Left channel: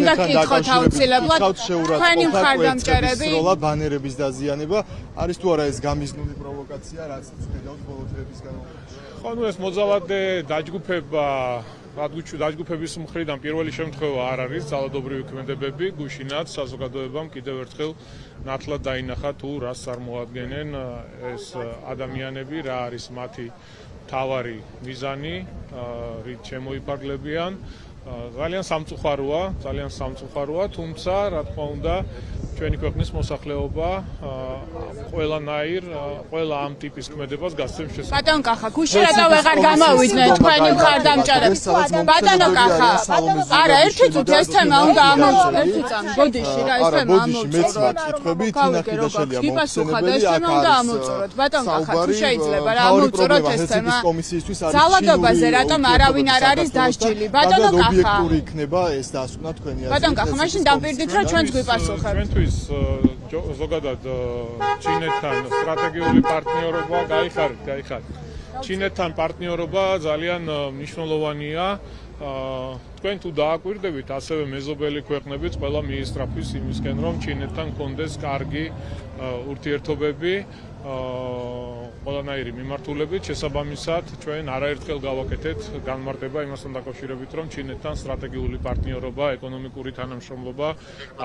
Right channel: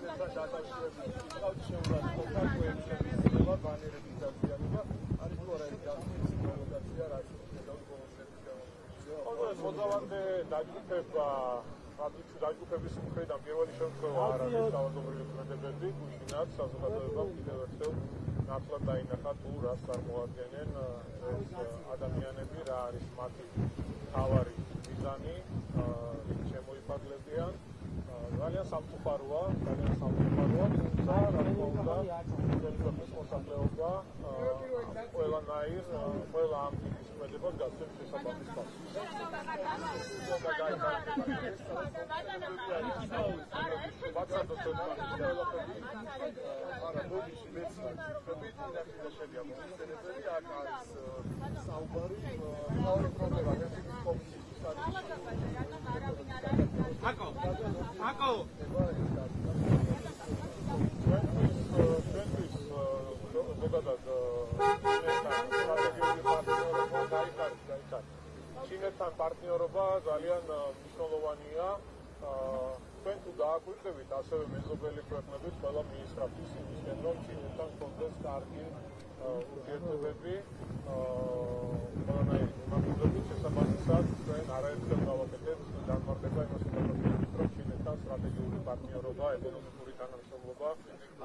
უნდა გკითხოთ აუცილებლად თქვენი მხარდამჭერები როლა ბანერების დაზიანება არის თუ არა ეს გამიზნული პროვოკაცია რაც ხედავთ ბოლო დღეების განმავლობაში. ხო, ეს მოძალადე დაჯგუფება დაჯგუფების მხრიდან პირველი შემთხვევა არ არის ძალადობრივი ქმედებები, გუშინაც საზოგადოებამ კიდევ ერთხელ ნათლად დაინახა თუ რას წარმოადგენენ ეს ადამიანები, რა არის მათი მთავარი მიზანი, რით შემოიფარგლებიან. ძალიან სამწუხაროა, თუმცა რა თქმა უნდა ჩვენი ქვეყნის მოსახლეობა ყველა ამ ტიპის ქმედებას გასცემს შესაძლებლობას. ბატონ კახა, გუშინ რატო ვეღარ გამოვიდნენ თქვენი მხარდამჭერები? ბატონო კახა, არა, ერთი წუთი ეს თემა უნდა ამოვწუროთ. ერთი წამი, ბოდიში რა, ეს თემა ამოვწუროთ. გიპასუხოთ, ეს თემა უნდა ამოვწუროთ. ბატონ კახა, თუ შეიძლება რა ამოვწუროთ ეს თემა? ძალადობაზე რატომ არავინ არ არის დასჯილი? ბატონო კახა, ობიექტური იქნება ეს დასკვნა თქვენი აზრით. ბატონ კახა, მაშინ დამპირდით რომ ჩვენც გვიპასუხებთ. ჩვენთვის ზოგადად ჩინეთთან სტრატეგიული პარტნიორობა გაიხარეთ. ჩინეთთან პარტნიორობა ძალიან მნიშვნელოვანია. თქვენ თუ დააკვირდებით, ასევე მეზობელი ქვეყნებიც ყველა მიისწრაფვის იმისკენ, რომ ჩინეთთან კონდეს კარგი ურთიერთობები, ყველანაირი მიმართულებით, შესაბამისად, ჩვენ არაერთხელ გავაკეთეთ განმარტება იმასთან დაკავშირებით, რომ ჩინეთთან სტრატეგიული პარტნიორობა, ეკონომიკური თანამშრომლობა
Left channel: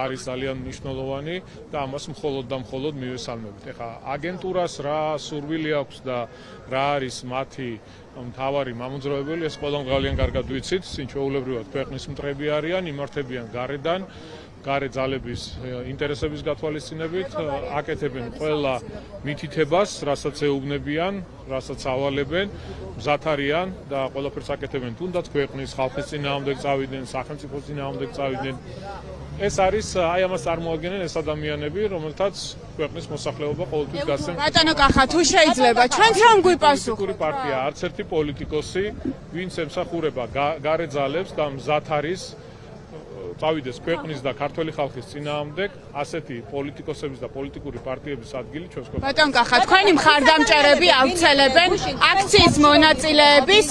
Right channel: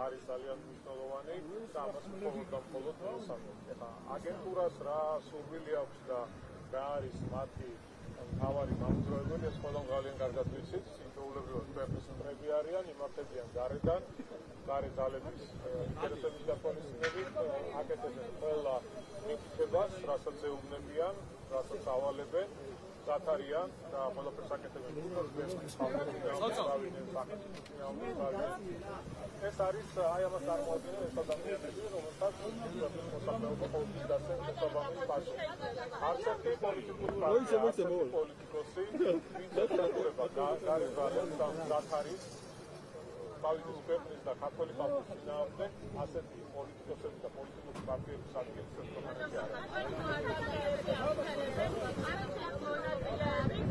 არის ძალიან მნიშვნელოვანი და ამას მხოლოდ და მხოლოდ მივესალმებით. ეხლა აგენტურას რა სურვილი აქვს და რა არის მათი მთავარი მამოძრავებელი, ეს ყველამ ძალიან კარგად ვიცით, სინჩვეულებრივად ქვეყნის მტრები არიან, იმართებიან გარედან. გარე ძალების ინტერესების გათვალისწინებით აკეთებენ ყველა მითითებას, რასაც ეუბნებიან, რასაც ავალებენ, მზად არიან და ყველაფერს აკეთებენ თუნდაც ქვეყნის ხალხის წინააღმდეგ წავიდნენ, სახელმწიფოს წინააღმდეგ წავიდნენ. ეს არის აი ამას წარმოადგენენ ეს ადამიანები, რომელთაც ქვეყნის მოსახლეობა ყოველთვის გასცემს. ბატონო კახა, თუ შეიძლება, ჩვენც რომ გვიპასუხოთ. პარტია არც ერთი პოლიტიკოსი, ვინც ემსახურება გარე ძალებს და მზად არის წავიდეს ქვეყნის და ქართველი ხალხის წინააღმდეგ, ასეთი პოლიტიკოსების და პოლიტიკური პარტიების ადგილი ჩვენს ქვეყანაში. ბატონ კახა, თქვენი მხარდამჭერები ავრცელებენ აქციის მონაწილეების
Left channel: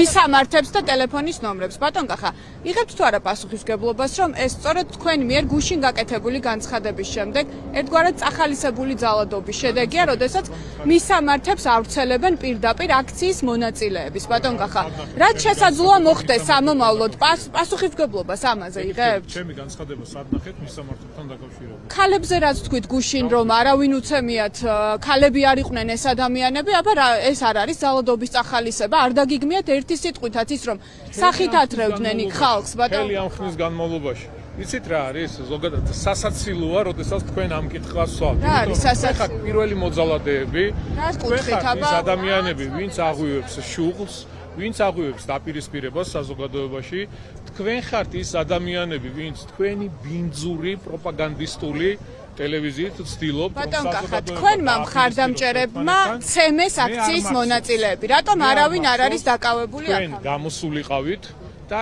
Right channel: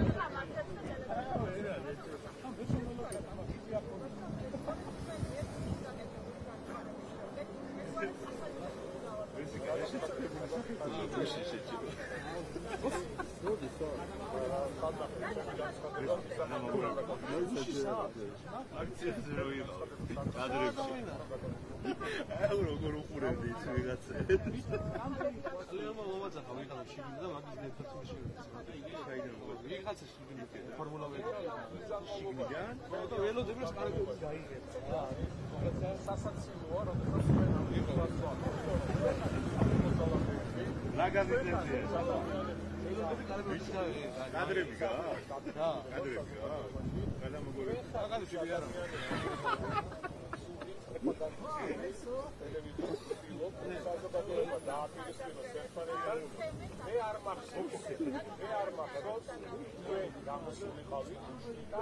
მისამართებს და ტელეფონის ნომრებს. ბატონ კახა, იღებთ თუ არა პასუხისმგებლობას, რომ ეს სწორედ თქვენი მიერ გუშინ გაკეთებული განცხადების შემდეგ ერთგვარად წახალისებული ძალადობის შედეგია, როდესაც მისამართებს ავრცელებენ პირდაპირ აქციის მონაწილეების. ბატონ კახა, რაც შესაძლოა მოხდეს სამომავლოდ, პასუხისმგებლობას ამაზე იღებთ? ჩემი განცხადება სად ნახეთ მისამართებთან დაკავშირებით? ქალებზე რაც თქვით გუშინ, რომ არავინ უცემიათ, ქალები არ იყვნენ ეს ადამიანები, აბა ეს არ არის ძალადობის წახალისება, არ დაგიგმიათ ერთი სიტყვითაც ის, რომ სახით ათრევდნენ იქ ხალხს, ბატონ. მთელი ამ ხნის განმავლობაში. იცით რა არის? ზოგადად სასაცილოა, როდესაც თქვენ ამ კითხვას სვავთ. რა არის სასაცილო? ხა პირველი მოძალადეები, რას კუთხით, აბა? ეს ადამიანები, ვინც აღვივებს შუღლს, ვინც აღვივებს დაპირისპირებას საზოგადოებაში, თქვენ ხართ ის ადამიანები, ვინც თქვენი ბინძური პროპაგანდისტული ტელევიზიით ცდილობთ ბატონ კახა, თქვენმა მხარდამჭერებმა ცემეს აქციის მონაწილეები. რატომ არავინ არ არის დაკავებული აქ? თქვენ გამოსულიყავით და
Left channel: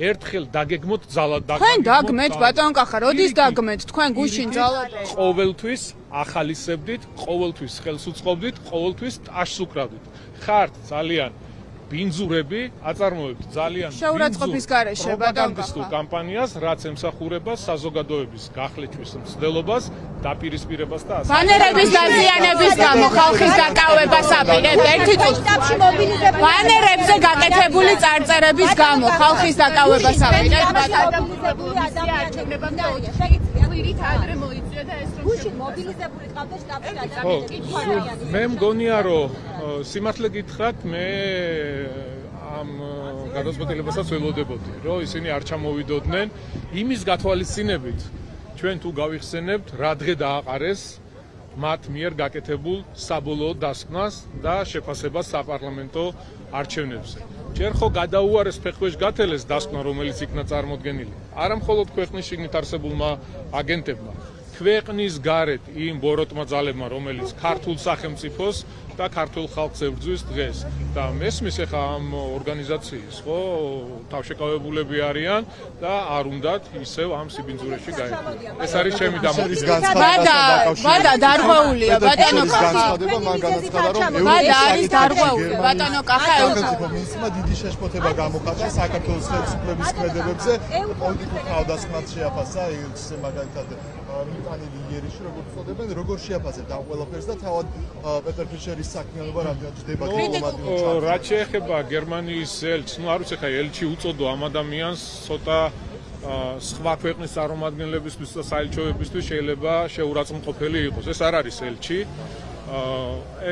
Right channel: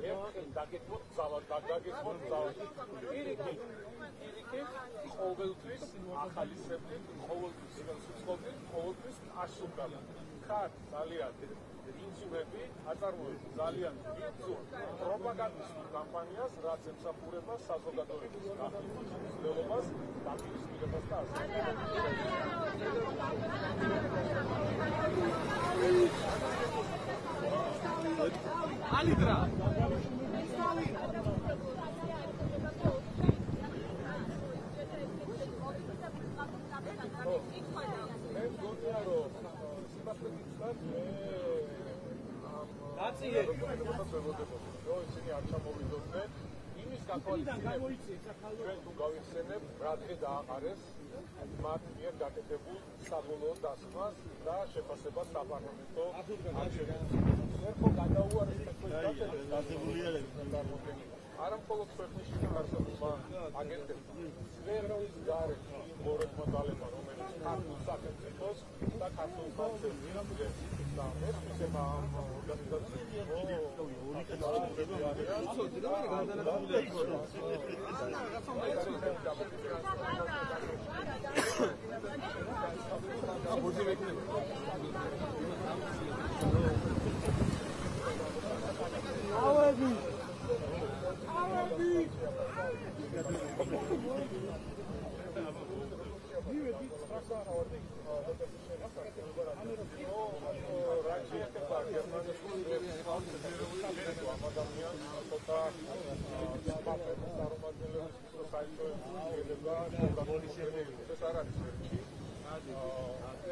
ერთხელ დაგეგმოთ ძალად თქვენ დაგმეთ, ბატონ კახა, როდის დაგმეთ? თქვენ გუშინ ძალად ყოველთვის ახალისებდით, ყოველთვის ხელს უწყობდით, ყოველთვის ტაშს უკრავდით. ხართ ძალიან ბინძურები, აწარმოებთ ძალიან შეურაცხყოფის გარეშე, ბატონ კახა, კამპანიას, რაც ემსახურება საზოგადოების გახლეჩვის მცდელობას, დაპირისპირებას და ასე. ბანერების დაზიანების გამო ხალხის დაკავებას აპირებთ ერთი წუთი. ბანერებზე გაკეთებული წარწერების გამო ხალხის დაკავებას აპირებთ, ბატონ. მე მგონია რომ სიმართლე გითხრათ, მე ამ გადაწყვეტილებასაც ველოდებოდი, რომ ისინი არ ჩამოვიდოდნენ იმის გათვალისწინებით, ჩვენ თუ გავიხსენებთ, რა დღე დააყარეს მათ მიერ გაკეთებულ საბოლოო დასკვნას და შეფასებას საპარლამენტო არჩევნებზე. ჯერ ხო გადაუარეს ფეხქვეშ გათელეს დასკვნა, რომელიც იქნა წარმოდგენილი, არა მხოლოდ ქვეყნის შიგნით არსებულმა აგენტებმა, ქვეყნის გარეთ იმ ბოროტმა ძალებმა, რომელიც ქართულ სახელმწიფოს და ქართულ ხალხს ებრძვის დღეს. და მესმის ახლა ამ ორგანიზაციის ხო თავშეკავებულები არიან და არ უნდათ ისევ ამ სიბინძურეში გაიხადოს. ეს არის ჩემი დამოკიდებულება. ბადა დარღვეულია ბატონო კახა. მან განაცხადა რომ ბადა არის დარღვეული ბატონო კახა. მინისტრმა დიდი შეშფოთება გამოხატა საქართველოს ხელისუფლების ქმედებებზე, პოლიტიკურ თავდასხმას შეაფასა ეს მაგალითად მიტანილი იერიში როგორც წოდებენ, როგორ შეაფასეთ ამ ყველაფერს და თავად პეტერ ფიშერის საქმიანობა რამდენად ჯდება დიპლომატიურ რაც შეეხება გერმანიის ელჩს, ნუ არ ვიცი ხა ელჩი უწოდო ამ ადამიანს ცოტა სხვა ქვეყნის წარმომადგენლებისთვის და საელჩოებისთვის შეიძლება შეურაცხმყოფელი იყოს. ეს არ არის ელჩი.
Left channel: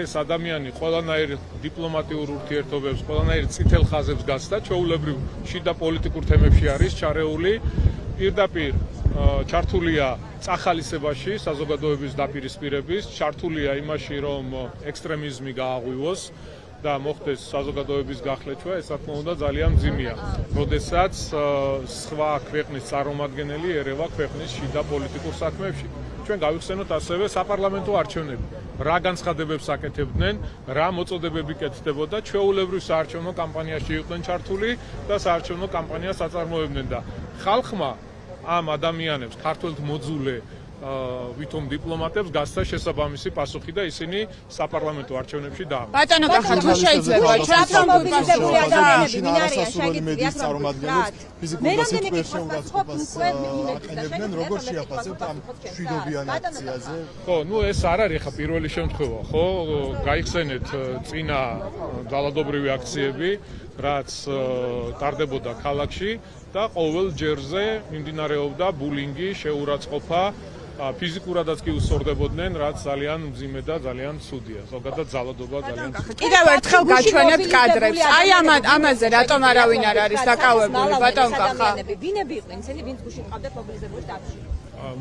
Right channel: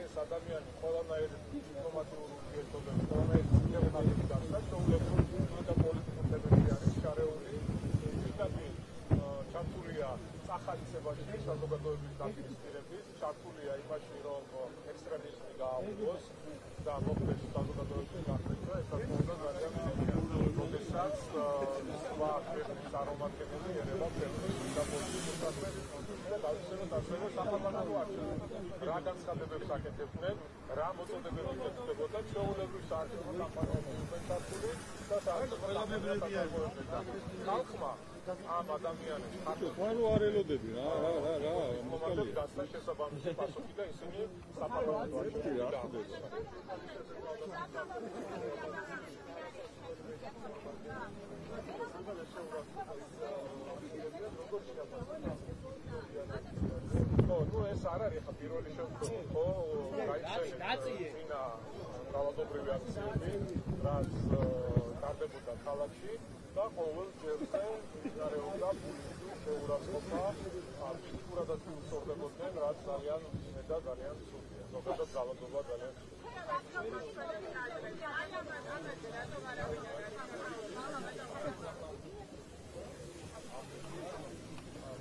ეს ადამიანი ყველანაირ დიპლომატიურ ურთიერთობებს, ყველანაირ წითელ ხაზებს გასცდა, ჩვეულებრივ შიდა პოლიტიკურ თემებში არის ჩარეული. პირდაპირ ჩართულია წახალისებაში, საზოგადოების დაპირისპირების, ჩართულია იმაში, რომ ექსტრემიზმი გააღვივოს და მოხდეს საზოგადოების გახლეჩვა, ეს რა თქმა უნდა ძალიან მძიმეა. როდესაც სხვა ქვეყნის წარმომადგენელი ერევა ქვეყნის შიდა პოლიტიკურ საქმეებში. ჩვენ გავიხსენოთ ასევე საპარლამენტო არჩევნები. რა განცხადებებს აკეთებდნენ, რა მოწოდებები კეთდებოდა, ჩვეულებრივ საარჩევნო კამპანიაში იყვნენ ჩართული და საარჩევნო კამპანიას აწარმოებდნენ და ხალხმა ამ ადამიანებს, ქართველთ მოძულე ვითომ დიპლომატებს გასცა შესაბამისი პასუხი და ისინი საპარლამენტო არჩევნებში დაამტკიცეს. ბატონო კახა თუ შეიძლება ჩვენ მობილიზებული ადამიანები ვინ არიან შეგიძლიათ წარმომადგენლებს ფიზიკურ და სიტყვიერ შეურაცხყოფას აყენებდნენ, როგორ შეაფასებთ ამ მშვიდობიან აქციაზე? ხო, ნუ ეს არ არის ხა პირველი შემთხვევა, ხო? გაიხსენეთ წინა ძალადობრივი აქციები, რაც ტარდებოდა ქალაქში და ყოველ ჯერზე მიმდინარეობდა ბულინგი, შეურაცხყოფა, ფიზიკურადაც კი უსწორდებოდნენ, რაც ძალიან მძიმე და ძალიან ცუდია. ზოგადად ძალადობა ძალიან ცუდია. კიდევ ერთხელ გაჩვენებთ კადრებს. აი ამაზე რატომ არავინ არ არის დაკავებული ბატონ კახა? ვინები იყვნენ ისინი, ვინც გუშინ ყავდა მობილიზებული შტაბში?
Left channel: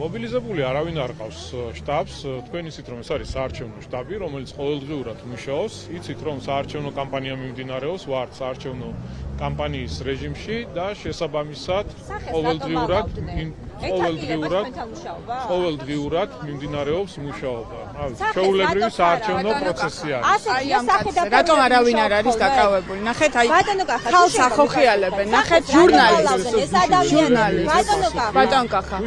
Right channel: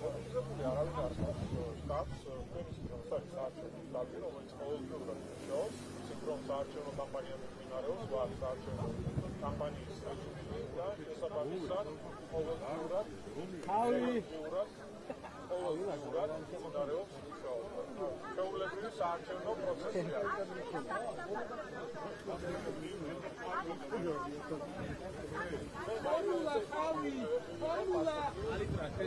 მობილიზებული არავინ არ ყავს შტაბს. თქვენ იცით რომ ეს არის საარჩევნო შტაბი, რომელიც ყოველდღიურად მუშაობს. იცით რომ საარჩევნო კამპანია მიმდინარეობს, ვართ საარჩევნო კამპანიის რეჟიმში და შესაბამისად ყოველდღიურად მიმდინარეობს მუშაობა. ჩვეულებრივი საარჩევნო პროცესი არის. რატომ არავინ არ არის დაკავებული? ნახეთ აი ხალხს ახოხიალებენ. ნახეთ ჟურნალისტი. ბატონ კახა.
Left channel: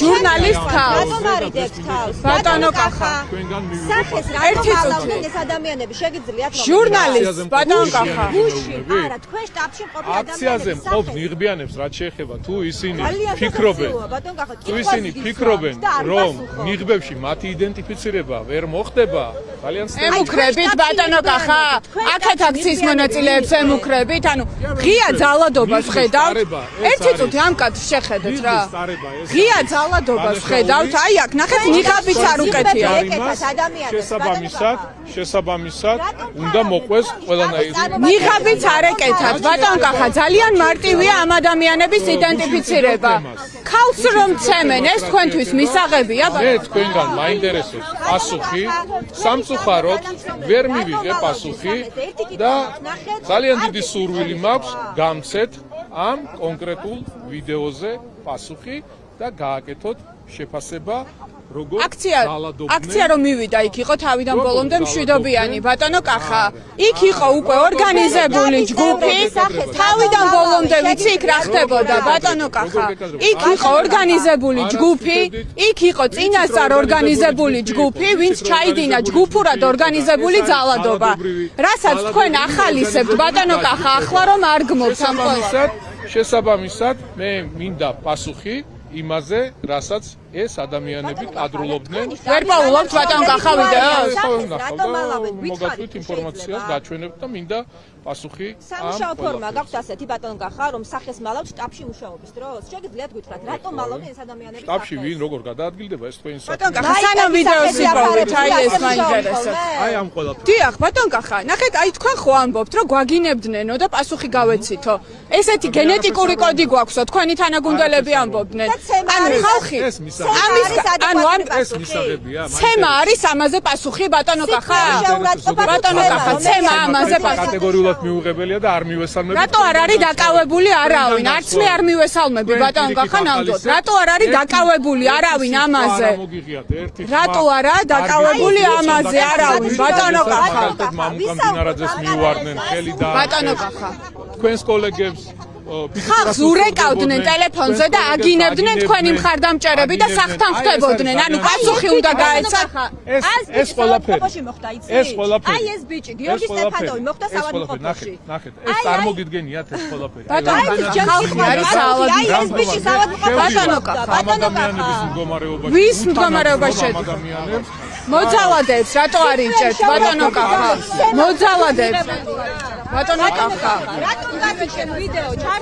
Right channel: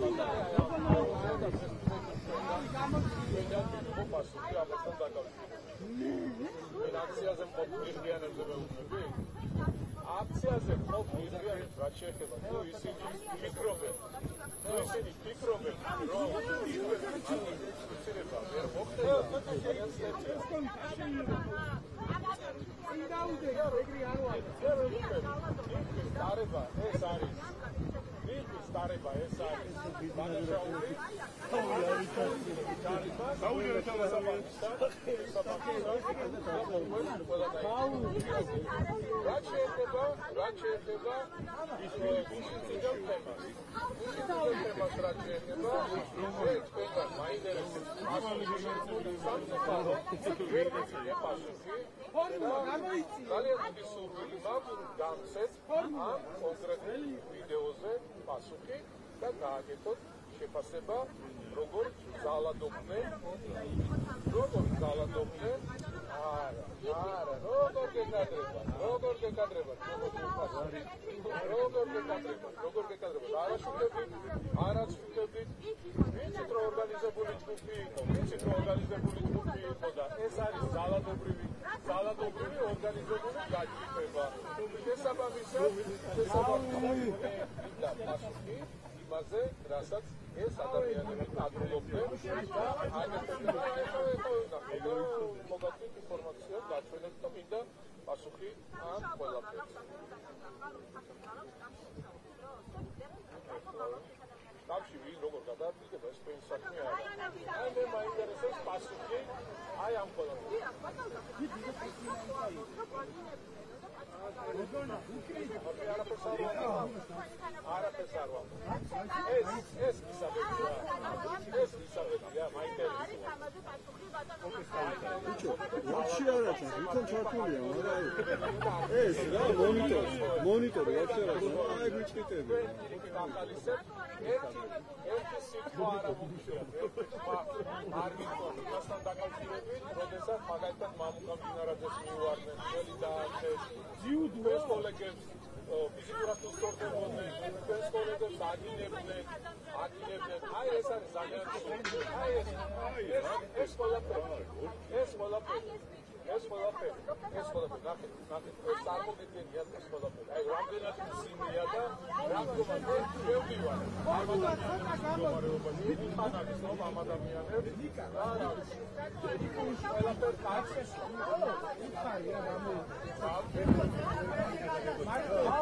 ჟურნალისტ ხალხს. ბატონო კახა. სახეს ერთი რატომ წუთი. ეს ადამიანები შეგიძლიათ ჟურნალისტ ბატონ კახა. არა თქვენ შტაბში მყოფი აქციაზე მყოფ ნიღბიანებს რაც შეეხება თუ ისინი ფიქრობენ რომ ნიღბებში მათი იდენტიფიცირება ვერ მოხდება ძალიან ემუქრებით ბატონო კახა აქეთ აქციის მონაწილეებს ემუქრებით ანუ ღია ძალადობას ხედავთ ერთი წუთი ამ კადრს შეხედეთ რა ღია ძალადობას ხედავთ აი აქ ნახეთ ნიღაბიც არ უკეთია შესაბამისად უნდა მოყვეს ყველანაირი ნიღაბიც არ ეკეთათ ბატონ კახა ძალიან მარტივია ამ ადამიანების იდენტიფიცირება ქალს რომ ცემენ ეს თქვენთვის მისაღებია მე თქვენგან მაინტერესებს პასუხი სამწუხაროდ ვერ მივიღე პასუხი და ძალიან დიდი სურვილი მაქვს გამცეთ ამ კონკრეტულ ვიდეოზე პასუხი და გააკეთოთ შეფასება როგორ აქცია რომ მივიდა იქ იყო თავიდან ბოლომდე მშვიდობიანი ბატონო კახა იქ იყო უკვე ორგანიზებული ჯგუფი თავიდან ბოლომდე ვიცი იქ რა ხდებოდა ბატონო კახა იქ იყო ორგანიზებული ჯგუფი იქ იყო წინასწარ ორგანიზებული ჯგუფი ვინც ჩაიდინა ჯგუფურად ორგანიზებული ძალადობა რასაც თქვენ ახალისებთ ბატონო კახა ახლა რომ არ გმობს ამ შესაბამისად მე მინდა პასუხი იმაზე რასაც ეს ადამიანები კადრულობდნენ ვერ პაულობთ ბატონ კახა ვიდეოს მოგაქვით ინფორმაციას გაჩვენებთ და მინდა პასუხი სამუშაო ფორმა გაქვთ ასეთი ბატონ კახა რომ სახეს მალავთ შტაბში მუშაობის დროს შეგიძლიათ გითხრათ რატომ მალავდნენ ეს ადამიანები შტაბში ვინ როგორ გადაადგილდება ეს თქვენი ბატონ კახა სანამ ვიდეოს იპოვეთ აი ეს მაინტერესებს აი ამ ყველაფერს დიახ ბატონ კახა ნახეთ აი თქვენ ხო ამბობთ რომ გვაგინებდნენო და პასუხი გავეცითო ესეთი გენეტიკური კოდი გვაქვსო თქვენი თანაგუნდელები ამბობდნენ ანუ ხალხი ეს მისაღებია. ცემა არის ამაზე პასუხი ბატონო კახა? ბატონო კახა, ცემა ამაზე პასუხი. კატეგორიულად მიუღებელია და არ მივესალმები. რატო არ არის დაკავებული არავინ? არც მე არ მივესალმები ბატონო კახა ნამდვილად. რატო არ არის დაკავებული არავინ ამაზე? რატო არა დაკავებული ამაზე არავინ ბატონო კახა? მამუკამდინარაძეს მიუვარდნენ ხელი და ბატონო კახა. თქვენს კოლეგებს ხალხს ურეკავდნენ ტელეფონზე და აგინებდნენ თქვენი მხარდამჭერები და სახთან ხვდებოდნენ. ანუ პასუხი უნდა გაეცა. ეს ყველაფერი. ეს ყველაფერი. აი ეს ბიჭი გიორგი სტეფანოვი მოხდა საავადმყოფოში. ნახეთ, ეს წარმოგიდგენიათ ეს ყველაფერი. ბატონო ხალხი არის საავადმყოფოში. აი ეს ბიჭი საავადმყოფოში. ბატონო კახა. ადამიანების მდგომარეობაში. ვის მდგომარეობაში? ადამიანებს მოძალადებს რატო არ იჭერთ ბატონო კახა? მოძალადებს. ბატონო კახა. რატომ გაგიჩენ ვიდეო ჩართეთ?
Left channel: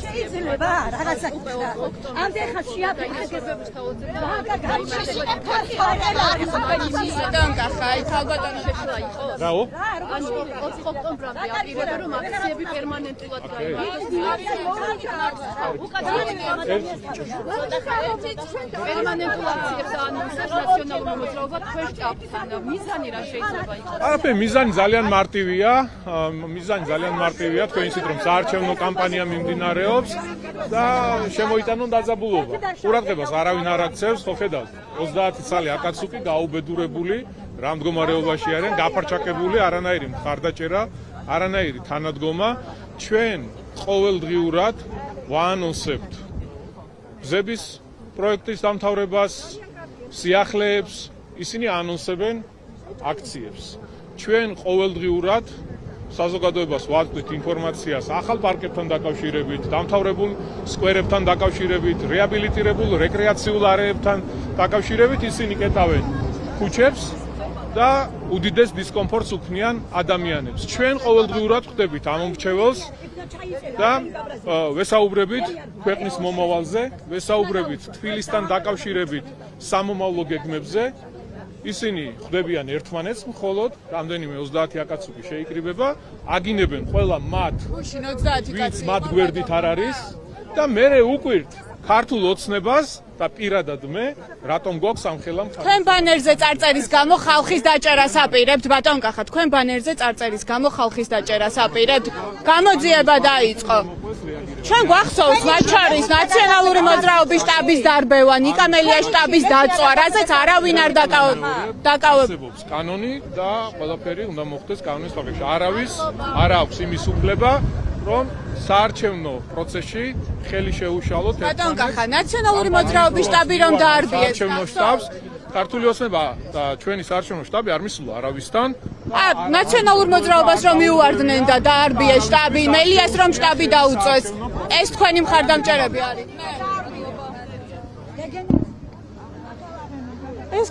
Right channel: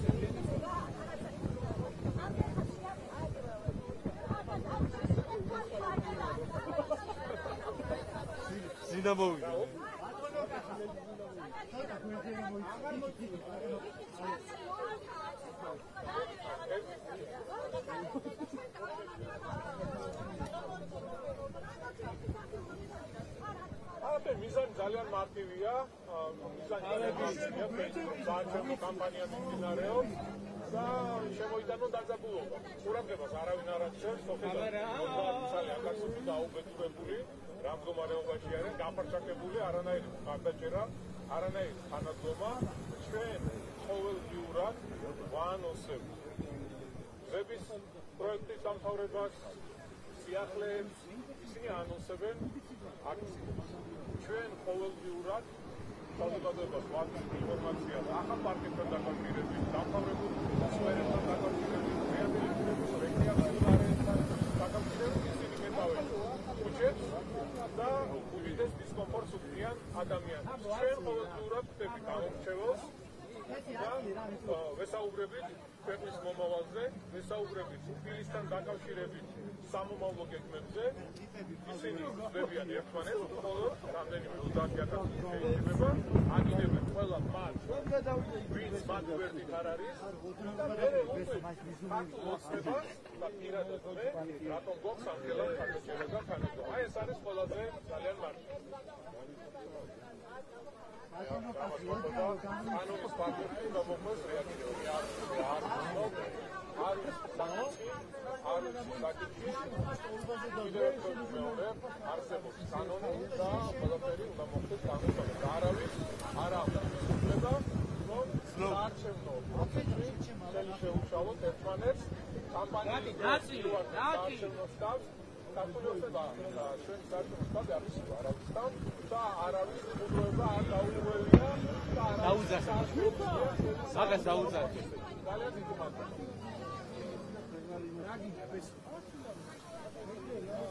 შეიძლება რაღაცა ამდენ ხარ შეაფეთქებებს თავზე. ბატონო კახა, აი თავბატონო რაო? ანუ 20 ოქტომბრამდე აპირებდა რომ აქციები პერმანენტულად პერმანენტულ აქციებს აანონსებს ნაციონალური მოძრაობა თქვენ შტაბთან. მიზანი რა შეიძლება იყოს? არაფერი, მიზანი ძალიან მარტივია. თქვენ იცით რომ საარჩევნო კამპანია მიმდინარეობს და შემოიტანონ დაძაბულობა. ყურადღებას არავინ არ აქცევს, ხო ხედავთ? 30 წელი აკაცუკი გაუბედურებული, რა მდგომარეობაში არიან, გაფარჩაკებული, არანაირი მხარდაჭერა, არანაირი თანადგომა. ჩვენ ყოველდღიურად ვაანონსებთ გზების პროექტის დამთავრებას, სიახლეებს, ისინი აანონსებენ აქციებს. ჩვენ ყოველდღიურად საზოგადოებას ვაწვდით ინფორმაციას ახალ პარკებთან დაკავშირებით, დამთავრებულ სკვერებთან დაკავშირებით, რეაბილიტირებულ რეკრეაციულ არეებთან დაკავშირებით, ისინი კეტავენ ქუჩებს და უდიდეს დისკომფორტს უქმნიან ადამიანებს. ჩვენ ყოველდღიურად ხვდებით ამომრჩეველს და ვესაუბრებით ქვეყნის მომავალზე, ვესაუბრებით თბილისთან დაკავშირებით სამომავლო გეგმებზე. ისინი ხვდებიან ერთმანეთს, მხოლოდ რამდენიმე 30 აკაცუკი შეიკრიბება, აგინებენ ყველა მათ, ვინც მათ გვერდით არ არის და მერე უკვირთ ქართულ ოცნებას და პირადად მე რატომ გვაქვს ამ ხელა მხარი. თქვენ ბანერზე წარწერის გამო ხალხის დაჭერას აპირებთ ბატონო კახა, თქვენ ბანერზე წარწერის გამო ხალხის დაჭერას აპირებთ. გამოძიება დაიწყო. ჩვენ გვახსოვს მათ შორის ნაციონალური მოძრაობის შტაბის დარბევა, ნიკამელია შტაბის დაწვა, რაზეც არავინ არ დაკავებს. კანონი და ყველაფერი უნდა მოხდეს კანონის ხარჯში. არ აქვს იმის უფლება, რომ საარჩევნო პროცესში ხელი შეუშალოთ ბატონო კახა, ნაციონალური მოძრაობის შტაბი რომ დაარბიეს. საარჩევნო შტაბს ქართული ოცნება და ჩვენი საარჩევნო შტაბი არ მისულა არავისთან. ნაციონალურ მოძრაობას რომ მიუვარდნენ და დაარბიეს შტაბი, მელიას რომ შტაბი დაუწეს. ეს თქვენი მხარდამჭერები არიან. ეს